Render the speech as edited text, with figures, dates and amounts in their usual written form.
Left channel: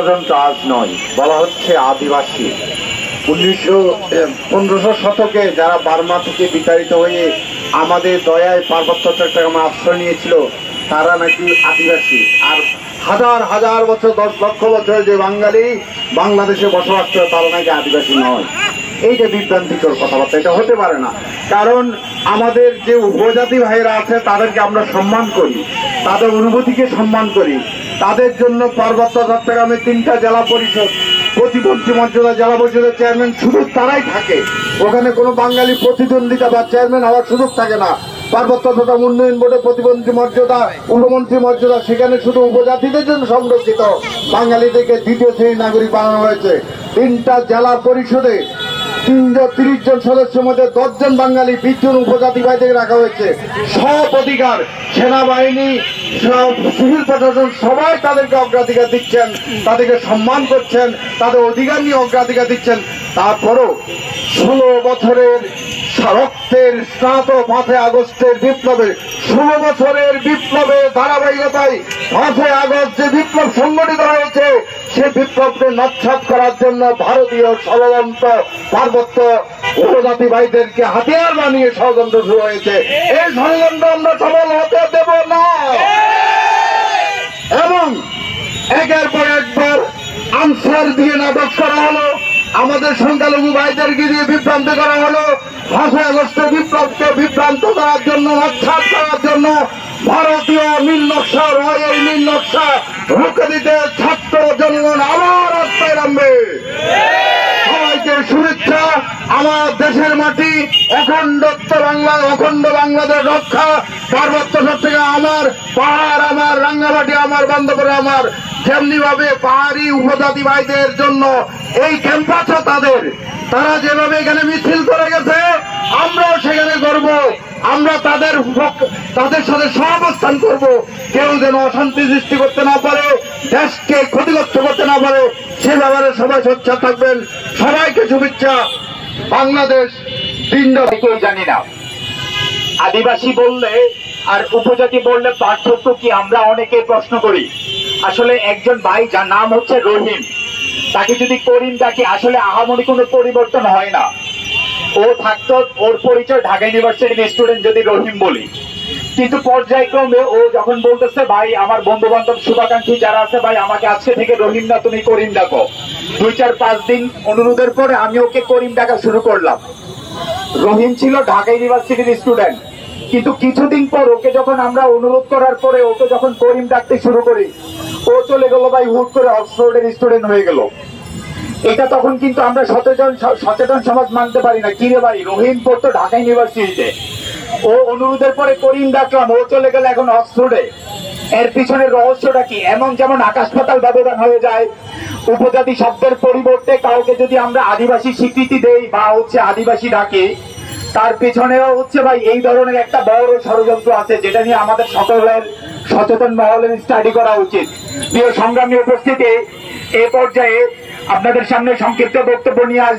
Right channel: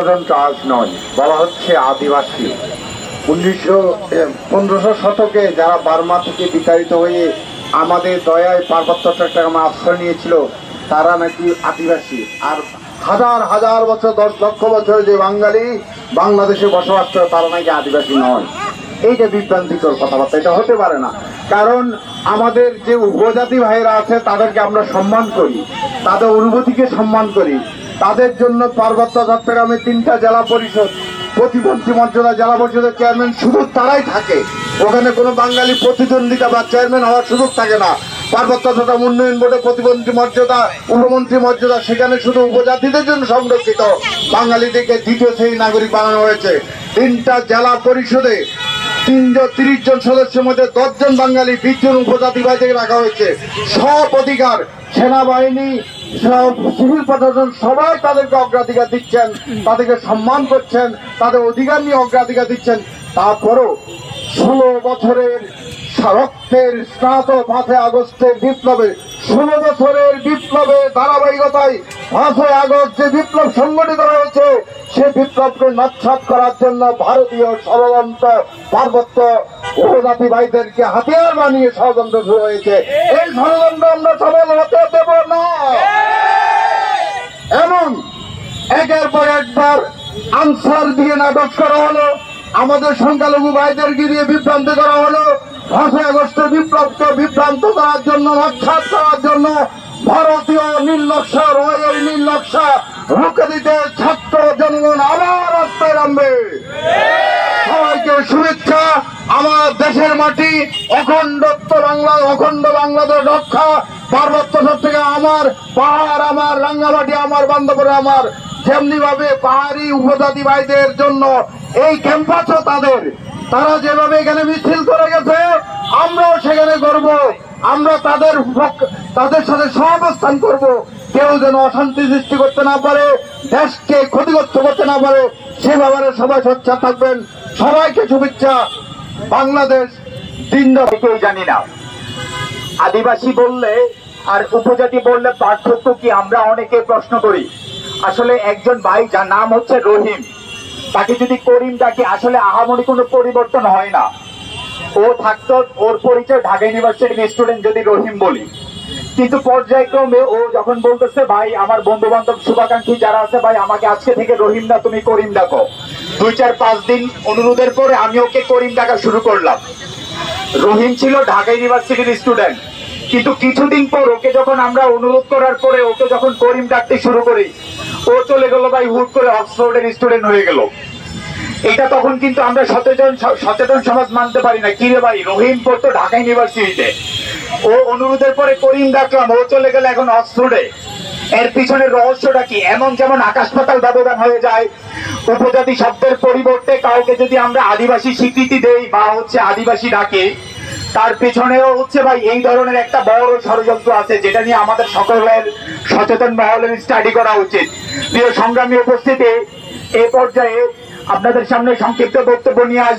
ষড়যন্ত্র আজ নয়, বলা হচ্ছে আদিবাসী। 1500 শতকে যারা বার্মা থেকে বিতাড়িত হয়ে আমাদের দয়ায় পার্বত্য চট্টগ্রামে আশ্রয় নিয়েছিল তারা নাকি আদিবাসী। আর হাজার হাজার বছর 10 লক্ষ বছর যে বাঙালি বাংলাদেশে বসবাস করে তারা নাকি আদিবাসী নয়। এইটা বিভ্রান্তিকর কথাবার্তা, এটা হতে পারে না। কারণ আমাদের যে উপজাতি ভাইরা আছে তাদেরকে আমরা সম্মান করি, তাদের অনুভূতিকে সম্মান করি। তাদের জন্য পার্বত্য চট্টগ্রামে 3টা জেলা পরিষদ, প্রতিমন্ত্রী মর্যাদা জেলা পরিষদের চেয়ারম্যান শুধু তারাই থাকে। ওখানে কোনো বাঙালি প্রতিদ্বন্দ্বিতা বা চেয়ারম্যান হওয়ার সুযোগ থাকে না। পার্বত্য চট্টগ্রাম উন্নয়ন বোর্ডে প্রতিমন্ত্রী মর্যাদা, উপমন্ত্রী মর্যাদা, সেখানে শুধু উপজাতিদের জন্য সংরক্ষিত। বাঙালিদেরকে 2য় শ্রেণীর নাগরিক বানানো হয়েছে। 3টা জেলা পরিষদে 30 জন সদস্যের মধ্যে 10 জন বাঙালি, 20 জন উপজাতি ভাইদের রাখা হয়েছে। সব অধিকার সেনাবাহিনী, সিভিল প্রশাসন সবাই তাদেরকে অগ্রাধিকার দিচ্ছেন, তাদেরকে সম্মান করছেন, তাদের অধিকার নিয়ে অগ্রাধিকার দিচ্ছেন। তারপরও 16 বছরের রক্তের স্নাত 5 আগস্টের বিপ্লবে, 16 বছরের বিপ্লবের ধারাবাহিকতায় 5 আগস্ট যে বিপ্লব সংগঠিত হয়েছে সে বিপ্লবকে নস্যাৎ করার জন্য ভারতীয় ষড়যন্ত্র পার্বত্য উপজাতি ভাইদেরকে হাতিয়ার বানিয়ে ষড়যন্ত্র শুরু হয়েছে। এই ষড়যন্ত্র আমরা সফল হতে দেব না। এবং একের পর একবার আনসার দিয়ে নাটক করা হলো, আমাদের সংখ্যালঘু ভাইদেরকে দিয়ে বিভ্রান্ত করা হলো। 5 আগস্টের বিপ্লবকে বিভ্রান্ত করার জন্য, নস্যাৎ করার জন্য ভারতীয় নীল নকশা, রয়্যাল নীল নকশা রুখে দিতে ছাত্র জনগণ আবার রাস্তায় নামবে। সবাইকে শুভেচ্ছা। আমার দেশের মাটি, অখণ্ডত্ব বাংলা, অখণ্ড বাংলাদেশ রক্ষা, পার্বত্য চট্টগ্রাম আমার, পাহাড় আমার, রাঙ্গামাটি আমার, বান্দরবান আমার। যেমনি ভাবে পাহাড়ি উপজাতি ভাইদের জন্য এই ক্যাম্পাসও তাদের, তারা যেভাবে এখানে মিছিল করে গেছে আমরাও সেখানে করব। আমরা তাদের সাথে সহাবস্থান করব। কেউ যেন অশান্তি সৃষ্টি করতে না পারে, দেশকে ক্ষতিগ্রস্ত করতে না পারে, সে ব্যাপারে সবাই সোচ্চার থাকবেন। সবাইকে শুভেচ্ছা। বাংলাদেশ কেউ জানি না। আদিবাসী বললে আর উপজাতি বললে পার্থক্য কি আমরা অনেকে প্রশ্ন করি। আসলে একজন ভাই যার নাম হচ্ছে রহিম, তাকে যদি করিম ডাকি আসলে আহামরি কোনো পরিবর্তন হয় না। ও থাকতো, ওর পরিচয় ঢাকা ইউনিভার্সিটির স্টুডেন্ট যদি রহিম বলি, কিন্তু পর্যায়ক্রমে ও যখন বলতেছে ভাই আমার বন্ধু বান্ধব শুভাকাঙ্ক্ষী যারা আছে, ভাই আমাকে আজকে থেকে রহিম না তুমি করিম ডাকো, 2-4-5 দিন অনুরোধের পরে আমি ওকে করিম ডাকা শুরু করলাম। রহিম ছিল ঢাকা ইউনিভার্সিটির স্টুডেন্ট, কিন্তু কিছুদিন পর ওকে যখন আমরা অনুরোধ করার পরে ওকে যখন করিম ডাকতে শুরু করি, ও চলে গেল ভাই হুট করে অক্সফোর্ডের স্টুডেন্ট হয়ে গেল। এটা তখন কিন্তু আমরা সচেতন সমাজ মানতে পারি না। কি রে ভাই, রহিম পড়তো ঢাকা ইউনিভার্সিটিতে, ও অনুরোধের পরে করিম ডাকলাম, ও চলে গেল এখন অক্সফোর্ডে। এর পিছনের রহস্যটা কি? এমন যেমন আকাশ পাতাল ব্যবধান হয়ে যায়। উপজাতি শব্দের পরিবর্তে কাউকে যদি আমরা আদিবাসী স্বীকৃতি দেই বা আদিবাসী ডাকি, তার পিছনেও ভাই এই ধরনের একটা বড় ষড়যন্ত্র আছে, যেটা নিয়ে আমাদের সকলের সচেতন মহলের স্টাডি করা উচিত। প্রিয় সংগ্রামী উপস্থিতি, এই পর্যায়ে আপনাদের সামনে সংক্ষিপ্ত বক্তব্য নিয়ে আসবে